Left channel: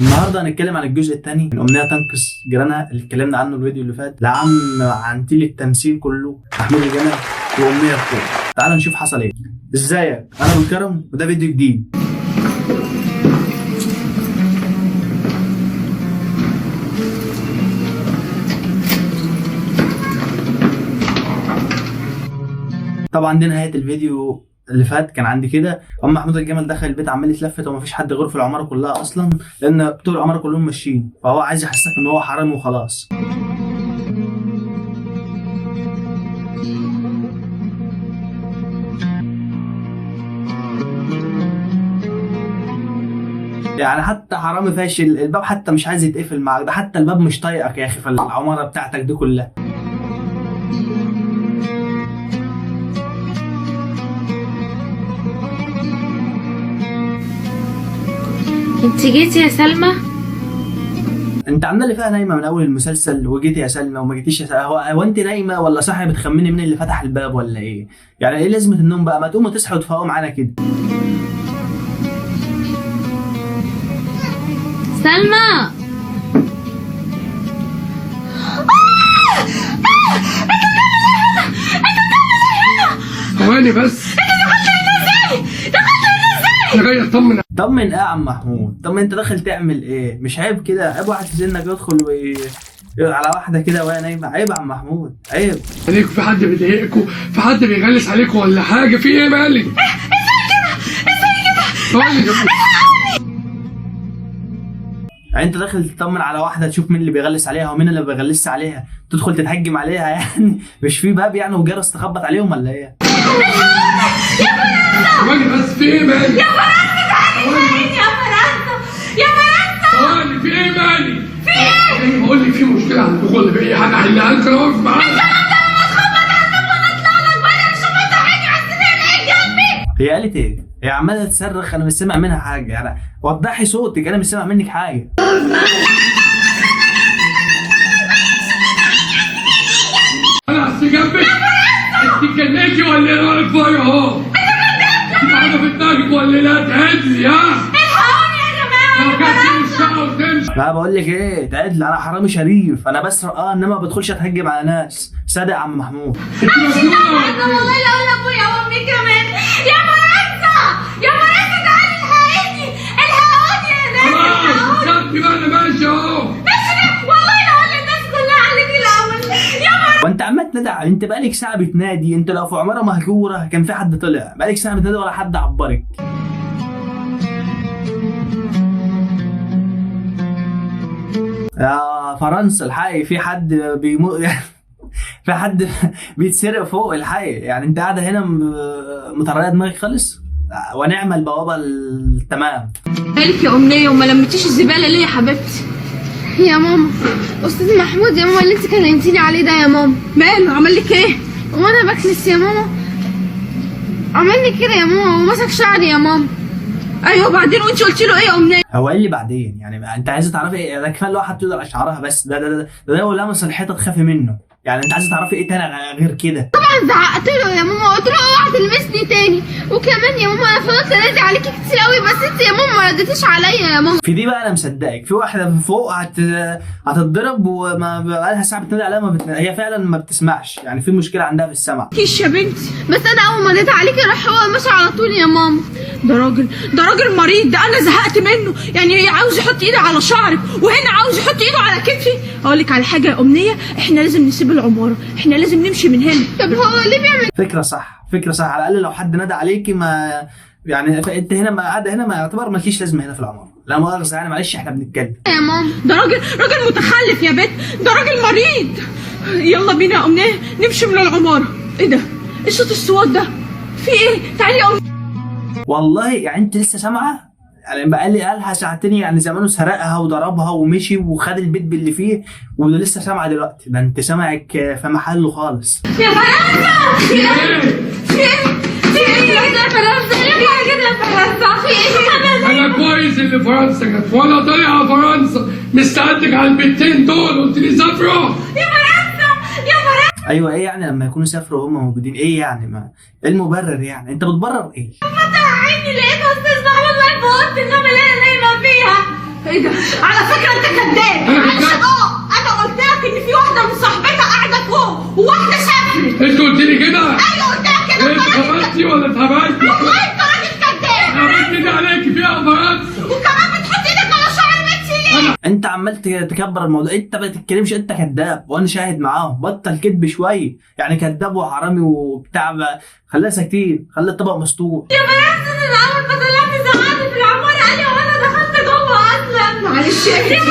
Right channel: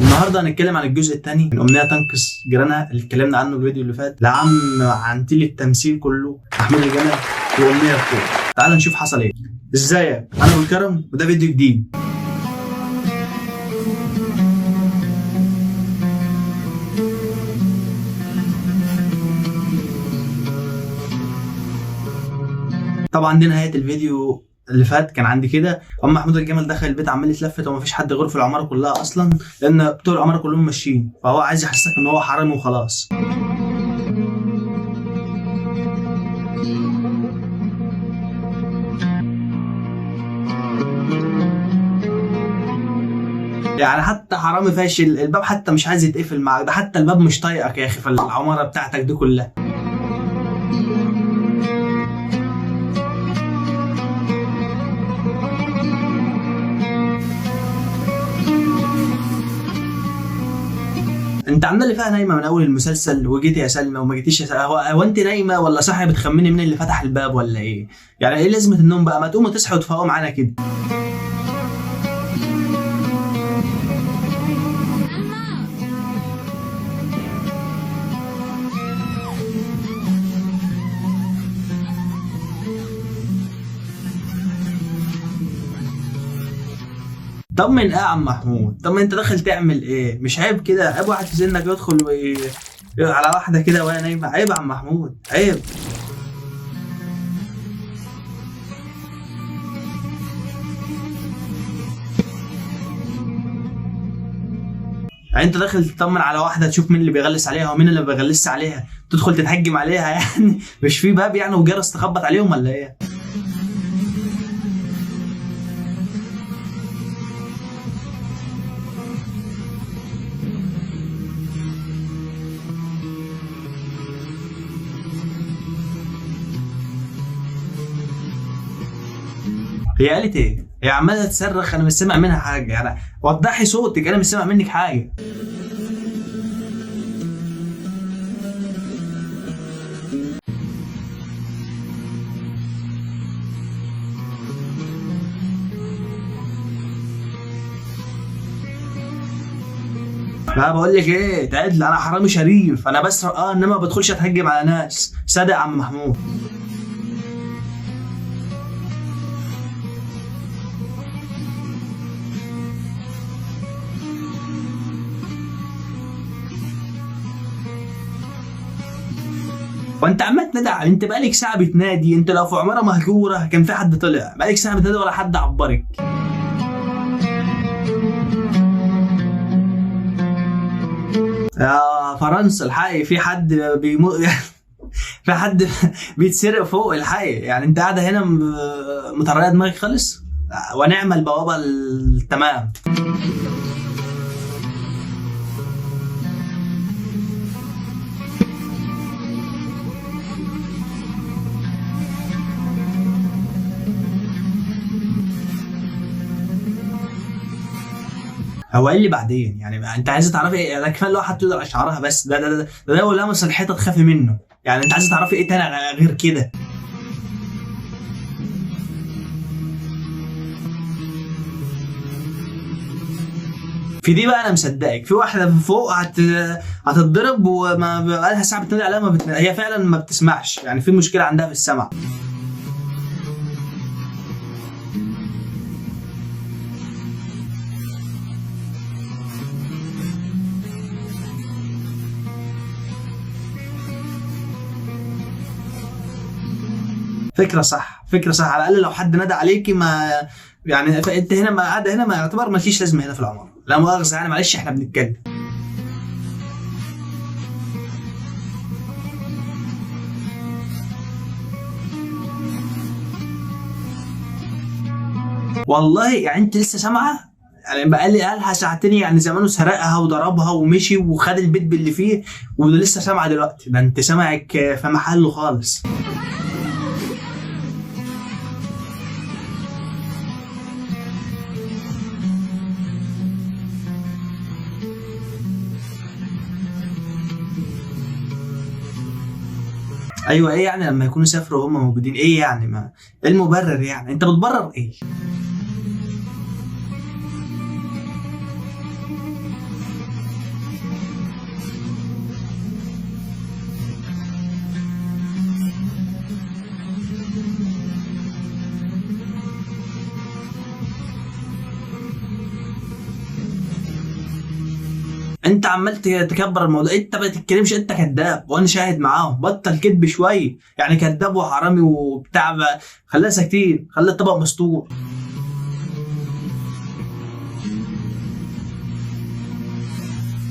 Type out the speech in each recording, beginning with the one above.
النهارده هنتكلم عن الجزء الثاني من امنيه تنقذ جيرانها اللي اتكلمنا عنه الفيديو اللي فات لعم عنتيل التمثيل كله محمود الجمل وامنيه الكل. تعال نشوف حصل ايه. ازيك؟ انا ابو الكرم وده فيديو جديد. طبعا دي نهايه الفيديو اللي فات. كان عندي كده محمود الجمل دخل البيت عمال يتلفت ومفيش حد غيره في العماره كلها اصلا، لان بتوع العماره كلهم ماشيين، فهو عايز يحسسك ان هو حرامي وخلاص. يعني حتى حرامي فاشل، الباب حتى مش عايز يتقفل معاك، ده حتى الباب مش طايقك يا اخي في العماره بتاعتك دي كلها. انت جيتي يا سلمى؟ انت عامله لي فيها نايمه من اول المسلسل وجيتي يا سلمى وما جيتيش يا سلمى. هو انت نايمه ولا صاحيه بتخمني مين اللي فتح الباب ولا ايه؟ يعني ايه لازمه النوم بقى؟ ما تقوموا تصحوا وتفوقوا معانا كده. سلمى ثواني بس. انا جاي اطمن. طمن ايه يا عم محمود؟ طب انت داخل تعمل ايه؟ مش عيب كده؟ عيب واحد في سنك يدخل على واحده كده وهي نايمه؟ عيب يا عم محمود، عيب. عليكم في حد بيضايقكم؟ في حد بيغلس عليكم ولا حاجه؟ في ايه مالك؟ ازاي كده؟ يعني انت داخل تطمن على واحده تشوف مين اللي بيغلس عليها ومين اللي ما بيغلسش عليها، تدخل تتهجم عليها يعني؟ مش في باب يعني وجرس تخبط عليهم ولا ايه؟ ثواني بس، في ايه مالك؟ يا فرنسا تعالي يا فرنسا يا فرنسا. ثواني، في ايه مالك؟ في ايه؟ بقول لك في مشكله على الدخول، في اي حاجه احلها لك، انا واقف معاك. هي قالت ايه؟ هي عماله تصرخ، انا مش سامع منها حاجه. يعني وضحي صوتك، انا مش سامع منك حاجه. انا اصل جنبك. انت اتجننتي ولا ايه؟ رايك فيا اهو. انت حاجه في دماغك ولا لا؟ تعدلي ها؟ الحقوني يا جماعه. لو جت الشقه وتمشي. لا بقول لك ايه، تعدل، انا حرامي شريف، انا بسرق انما ما بدخلش اتهجم على ناس. صدق يا عم محمود. انت مجنونه ولا ايه؟ والله لو لابويا وامي كمان. يا فرنسا يا فرنسا تعالي الحقيني، الحقوني يا ناس، خلاص الحقوني. سبتي بقى، انا ماشي اهو. والله لو اقول للناس كلها عليك الاول. يا فرنسا وانت عمال تنادي، انت بقالك ساعه بتنادي. انت لو في عماره مهجوره كان في حد طلع، بقالك ساعه بتنادي ولا حد عبرك. يا فرنسا الحقي، في حد بيموت في حد بيتسرق فوق الحقي. يعني انت قاعده هنا مطريه دماغك خالص، ونعمل البوابه التمام. مالك يا أمنية وما لمتيش الزبالة ليه يا حبيبتي؟ يا ماما استاذ محمود يا ماما اللي انت كلمتيني عليه ده يا ماما، ماله عمل لك ايه؟ وانا بكنس يا ماما عمل لي كده يا ماما ومسك شعري يا ماما. ايوه وبعدين وانت قلت له ايه يا أمنية؟ هو قال لي بعدين، يعني انت عايزه تعرفي ايه؟ ده كفايه لو حد يقدر على شعرها بس. ده لو لمس الحيطه تخافي منه. يعني انت عايزه تعرفي ايه تاني غير كده؟ طبعا زعقت له يا ماما، قلت له اوعى تلمسني تاني، وكمان يا ماما انا فضلت انادي عليكي كتير قوي بس انت يا ماما ما ردتيش عليا يا ماما. في دي بقى انا مصدقك. في واحده فوق هتتضرب وما بقالها ساعه بتنادي عليها هي فعلا ما بتسمعش. يعني في مشكله عندها في السمع. كيش يا بنتي. بس انا اول ما ناديت عليكي راح هو ماشي على طول يا ماما. ده راجل مريض، ده انا زهقت منه. يعني هي عاوز يحط ايده على شعرك وهنا عاوز يحط ايده على كتفي. اقول لك على حاجه يا أمنية، احنا لازم نسيب العماره، احنا لازم نمشي من هنا. طب هو ليه بيعمل فكره صح، فكره صح. على الاقل لو حد نادى عليكي ما يعني انت هنا ما قاعده هنا، ما يعتبر مالكيش لازمه هنا في العماره. لا مؤاخذه يعني، معلش احنا بنتكلم. يا ماما؟ ده راجل متخلف يا بنت، ده راجل مريض. يلا بينا يا أمنية نمشي من العماره. ايه ده؟ ايه صوت الصوت ده؟ في ايه؟ تعالي يا أمنية. والله يعني انت لسه سامعه؟ يعني قالها ساعتين، يعني زمانه سرقها وضربها ومشي وخد البيت باللي فيه ولسه سامعه دلوقتي. ده انت سامعك في محله خالص. يا فرنسا في ايه؟ في ايه يا فرنسا؟ ايه كده يا فرنسا؟ في ايه؟ انا كويس اللي فرنسا جت وانا طالع فرنسا مستعدك على البنتين دول، قلت لي سافروا. يا فرنسا يا فرنسا. ايوه ايه يعني لما يكونوا سافروا وهم موجودين؟ ايه يعني؟ ما ايه المبرر يعني؟ انت بتبرر ايه؟ عيني لقيت استاذ محمود واقف في اوضه النوم اللي انا نايمه فيها. ايه ده؟ على فكره انت كذاب. أنا كذاب؟ انا قلت لك ان في واحده من صاحبتها قاعده فوق وواحده سافرت. انت قلت لي كده؟ ايوه قلت لك كده. انت خبرتي ولا اتهبلتي؟ والله انت راجل كذاب. عملت كده عليكي فيها غلط. وكمان بتحط ايدك على شعر بنتي ليه؟ انت عمال تكبر الموضوع، انت ما تتكلمش، انت كذاب وانا شاهد معاهم. بطل كذب شويه، يعني كذاب وحرامي وبتاع. خليها ساكتين، خلي الطبق مستور. يا بنات انا اول ما طلعت زعقت في العماره قال لي وانا دخلت جوه اصلا. معلش يا يا بنات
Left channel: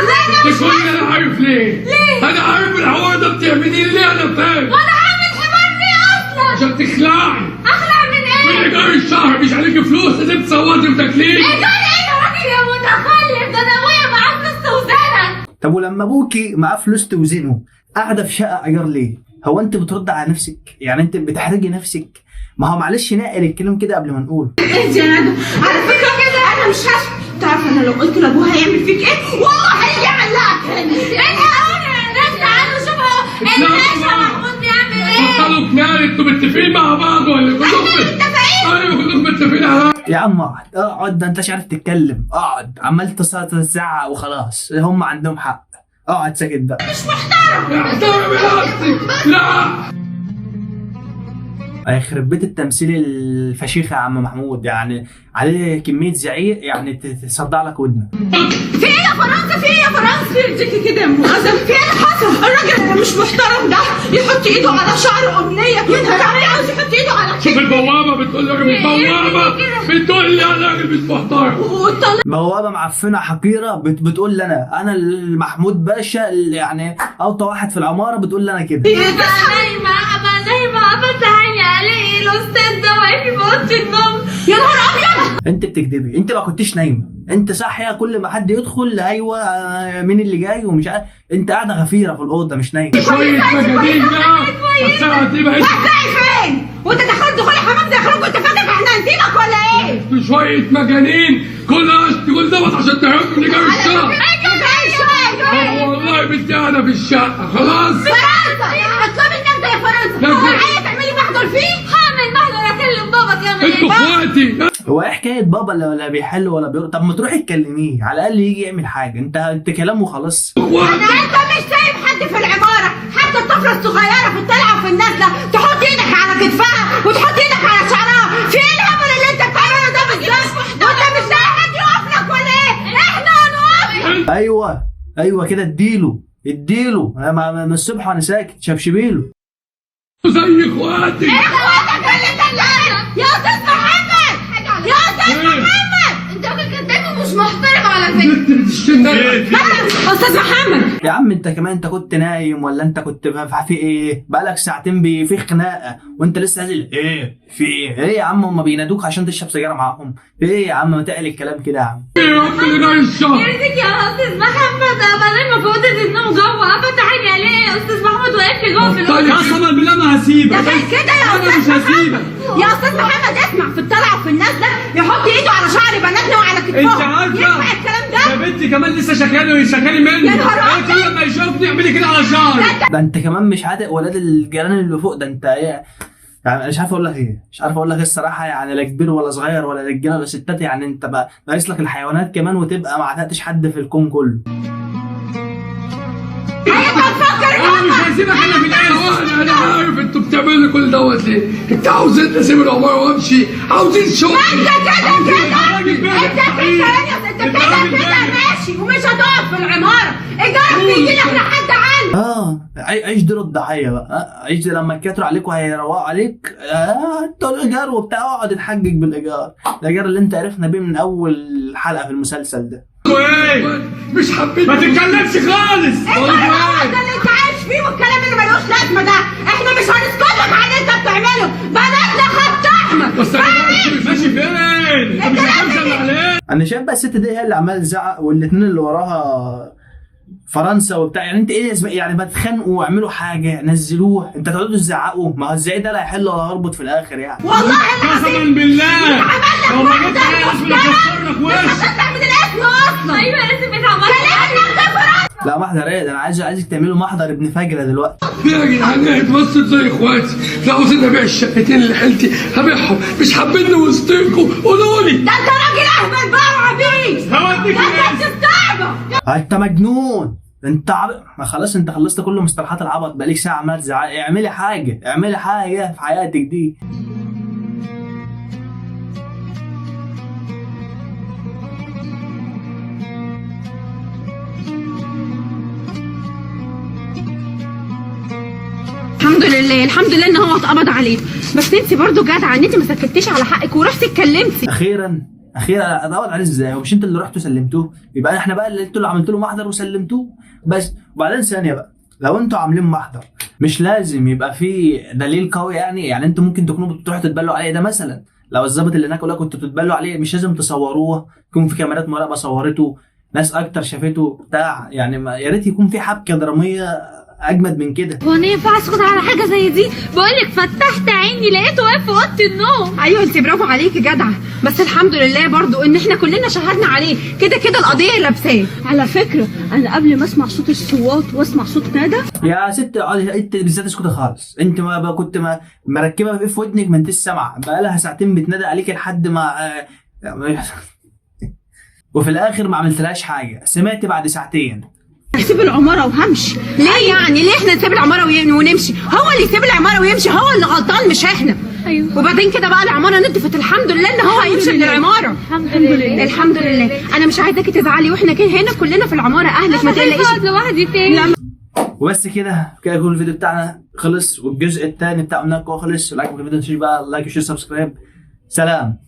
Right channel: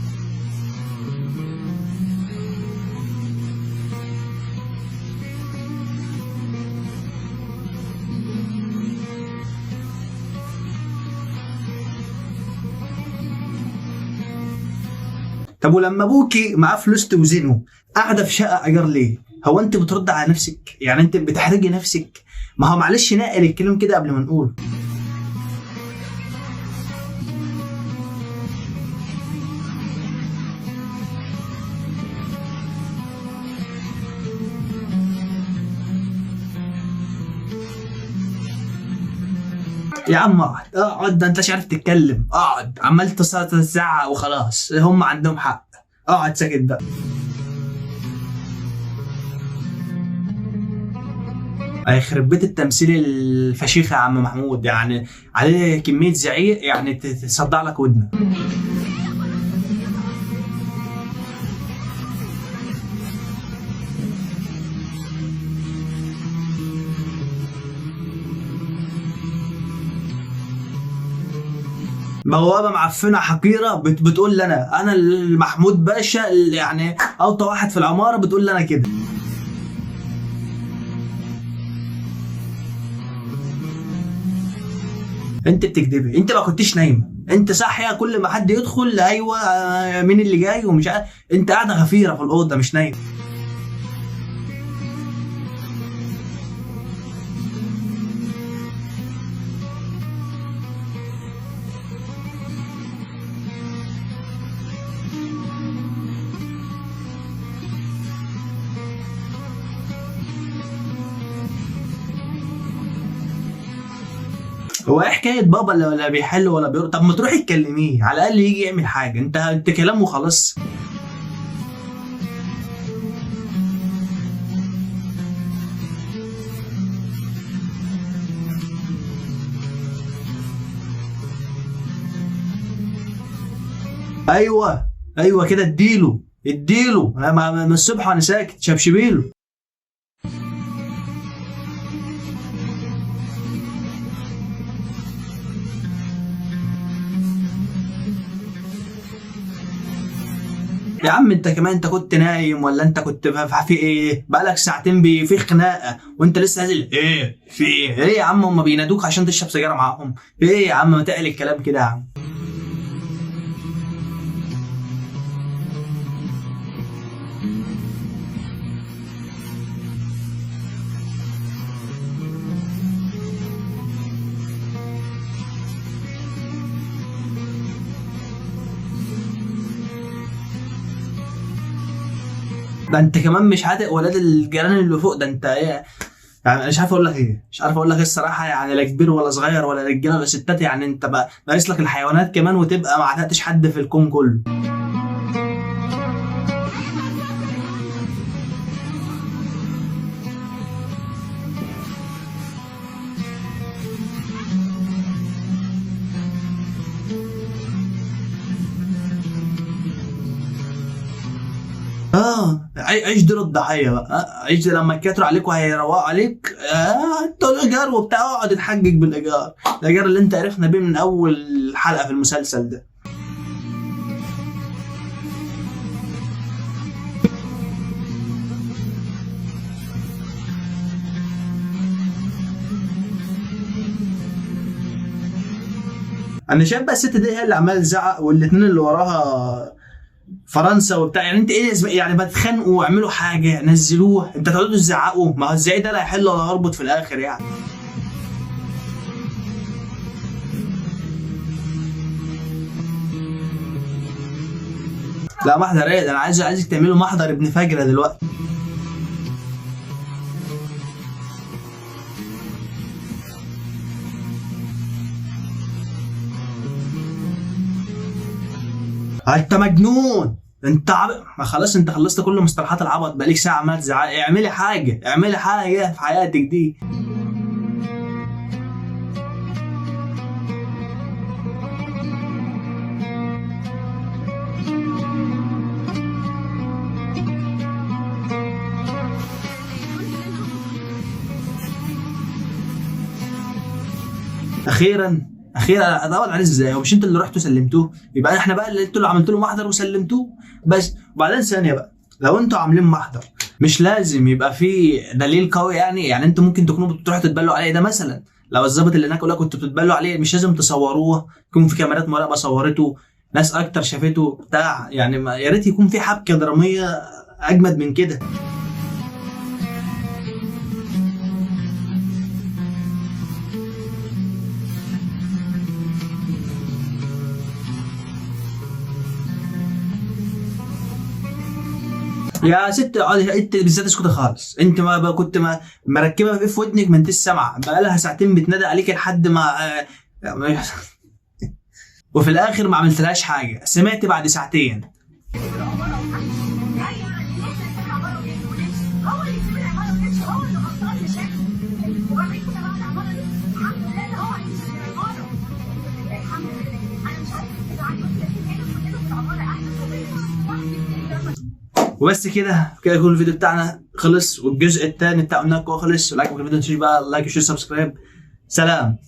انا ده كل انا عارف ليه؟ ليه؟ انا عارف الحوار ده بتعمليه ليه، انا فاهم. وانا عامل حوار فيه اصلا. عشان تخلعي اخلع من من ايه؟ ايجار الشهر، مش عليكي فلوس لازم تصوتي وتكليف. ايه ده ايه يا راجل يا متخلف؟ ده انا ابويا معاه فلوس توزنها. طب ولما ابوكي معاه فلوس توزنه قاعده في شقه ايجار ليه؟ هو انت بترد على نفسك؟ يعني انت بتحرجي نفسك؟ ما هو معلش نقل الكلام كده قبل ما نقول. اهدي يا ندى. على فكره كده انا مش هسكت. تعرف انا لو قلت لابوها هيعمل فيك ايه؟ والله هيعمل لك. الحقوني يا ناس، تعالوا شوفوا الناس محمود بيعمل ايه. بطلوا كنار، انتوا متفقين مع بعض ولا كلكم ايوه كلكم متفقين على يا عم اقعد اقعد، ده انت مش عارف تتكلم. اقعد، عمال تزعق وخلاص. هم عندهم حق. اقعد ساكت بقى. احترمي نفسك. لا هيخرب بيت التمثيل الفشيخ يا عم محمود، يعني عليه كميه زعيق يعني تصدع لك ودنك. في ايه يا فرنسا؟ في ايه يا فرنسا؟ يرضيكي كده يا مؤاخذة؟ في ايه اللي حصل؟ الراجل اللي مش محترم ده يحط ايده على شعر امنيه، ينهار عليه عاوز يحط ايده على شوف كتفي. البوابه بتقول لي البوابه بتقول لي انا راجل مش محترم. والطلاق بوابه معفنه حقيره بتقول لي انا المحمود باشا اللي يعني اوطى واحد في العماره، بتقول لي انا كده. نايمه فتح علي الاستاذ ده واقف في اوضه النوم. يا نهار ابيض. انت بتكدبي، انت ما كنتش نايمه، انت صاحيه كل ما حد يدخل ايوه مين اللي جاي ومش عارف. انت قاعده غفيره في الاوضه مش نايمه. شويه مجانين بقى الساعه دي بقت هتلاقي فين؟ وانت دخلت دخل حمام داخلك وانت فاكر احنا هنسيبك ولا ايه؟ شويه مجانين كل دوت عشان تعرفوا ان جاي الشقه. والله بنتي انا في الشقه خلاص. فرنسا اطلبي النجدة يا فرنسا. هو عايز تعملي محضر فيه؟ هعمل محضر اكلم بابا كمان. انتوا اخواتي. هو ايه حكايه بابا اللي ولا بيحل ولا بيرد؟ طب ما تروحي تكلميه على الاقل يجي يعمل حاجه. انت كلام وخلاص. انت مش سايب حد في العماره، حتى الطفله الصغيره في الطلعه وفي النازله تحط ايدك على كتفها وتحط ايدك على شعرها. في ايه الهبل اللي انت بتعمله ده بالظبط؟ وانت مش لاقي حد يقف لك ولا ايه؟ احنا هنقف. ايوه كده اديله انا من الصبح وانا ساكت. شبشبيله زي اخواتي. اخواتك اللي دلعنا يا استاذ محمد. يا استاذ محمد انت راجل كداب ومش محترم على فكره. بنت بتشتمني. استاذ محمد. يا عم انت كمان، انت كنت نايم ولا انت كنت في ايه؟ بقالك ساعتين في خناقه وانت لسه نازل. ايه في ايه يا عم؟ هم بينادوك عشان تشرب سيجاره معاهم؟ ايه يا عم ما تقل الكلام كده يا عم. رحت لنار الشهر. يرضيك يا استاذ محمد، انا نايمه في اوضه النوم جوه، فتح عيني عليه يا استاذ محمود واقف لي جوه في الاوضه. قسما بالله ما هسيبك. ده غير كده يا انا مش استاذ هسيبك. محمد. يا استاذ محمد اسمع، في الطلعه وفي النازله يحط ايده على شعر بناتنا وعلى كتفهم. انت عارفه ينفع الكلام ده؟ يا بنتي كمان لسه شكالي مني. يا نهار ايه كل ما يشوفني يعمل لي كده على شعري. ده انت كمان مش عاتق ولاد الجيران اللي فوق. ده انت ايه يعني؟ انا مش عارف اقول لك ايه، الصراحه. يعني لا كبير ولا صغير ولا رجاله ولا ستات. يعني انت بقى ناقص لك الحيوانات كمان وتبقى ما عتقتش حد في الكون كله. انا مش هسيبك الا في الاخر. انا عارف انتوا بتعملوا كل دوت ليه. انت عاوزين اسيب العماره وامشي، عاوزين شغل. انت كده ماشي ومش هتقف في العماره. ايجارك بيجي لك لحد عندك. عيش دور الضحيه بقى. عيش لما يكتروا عليك وهيروقوا عليك. انتوا الايجار وبتاع، اقعد اتحجج بالايجار. الايجار اللي انت عرفنا بيه من اول حلقه في المسلسل ده. ايه مش حبيت ما تتكلمش خالص. ده اللي انت عايش فيه والكلام اللي ملوش لازمه ده. احنا مش هنسكتك على اللي انت بتعمله. بلدنا خط احمر. بس انا ماشي فين؟ انت مش هتنزل عليه. انا شايف بقى الست دي هي اللي عماله تزعق، والاتنين اللي وراها فرنسا وبتاع. يعني انت ايه يعني ما تتخانقوا واعملوا حاجه نزلوه. انت تقعدوا تزعقوا؟ ما هو ازاي ده لا يحل ولا يربط في الاخر يعني. والله قسما بالله لو ما جبت اسم لك وش. عشان تعمل الاسم اصلا. ايوه اسف اتعملت. لا محضر ايه ده؟ انا عايزك تعملوا محضر ابن فجره دلوقتي. ليه يا جدعان اتبسط زي اخواتي؟ لو عاوزين ابيع الشقتين اللي حيلتي هبيعهم، مش حابيني وسطيكوا قولوا لي. ده انت راجل اهبل بقى وعبيط، هوديك ده انت بتستعبط. انت مجنون، انت ما خلاص انت خلصت كل مصطلحات العبط، بقالك ساعه عمال تزعق. اعملي حاجه، اعملي حاجه في حياتك دي. الحمد لله ان هو اتقبض عليه، بس انت برضو جدعه ان انت ما سكتيش على حقك ورحتي اتكلمتي. اخيرا اتقبض عليه ازاي؟ هو مش انت اللي رحتوا سلمتوه؟ يبقى احنا بقى اللي انتوا اللي عملتوا له محضر وسلمتوه بس. وبعدين ثانيه بقى، لو انتوا عاملين محضر مش لازم يبقى في دليل قوي يعني انتوا ممكن تكونوا بتروحوا تتبلوا عليه. ده مثلا لو الظابط اللي هناك ولا كنتوا بتتبلوا عليه، مش لازم تصوروه، يكون في كاميرات مراقبه صورته، ناس اكتر شافته بتاع يعني. يا ريت يكون في حبكه دراميه اجمد من كده. هو انا ينفع اسكت على حاجه زي دي؟ بقولك فتحت عيني لقيته واقف في اوضه النوم. ايوه انت برافو عليكي جدعه، بس الحمد لله برضو ان احنا كلنا شهدنا عليه، كده كده القضيه لابساه. على فكره انا قبل ما اسمع صوت الصوات واسمع صوت ندى. يا ست اقعدي انت بالذات اسكتي خالص. انت ما بقى كنت مركبه في ودنك ما انتش سامعه، بقى لها ساعتين بتنادى عليك لحد ما وفي الاخر ما عملتلهاش حاجه. سمعت بعد ساعتين. هسيب العماره وهمشي. ليه يعني؟ ليه احنا نسيب العماره ونمشي؟ هو اللي يسيب العماره ويمشي، هو اللي غلطان مش احنا. ايوه. وبعدين كده بقى العماره نضفت، الحمد لله ان هو هيمشي من العماره. الحمد لله. الحمد لله. انا مش عايزاكي تزعلي، واحنا كده هنا كلنا في العماره اهلك، ما تقلقيش. اقعد لوحدي تاني. وبس كده يكون الفيديو بتاعنا خلص، والجزء الثاني بتاع قلنا لكم خلص. لايك الفيديو، ما تنسوش بقى لايك وشير سبسكرايب. سلام.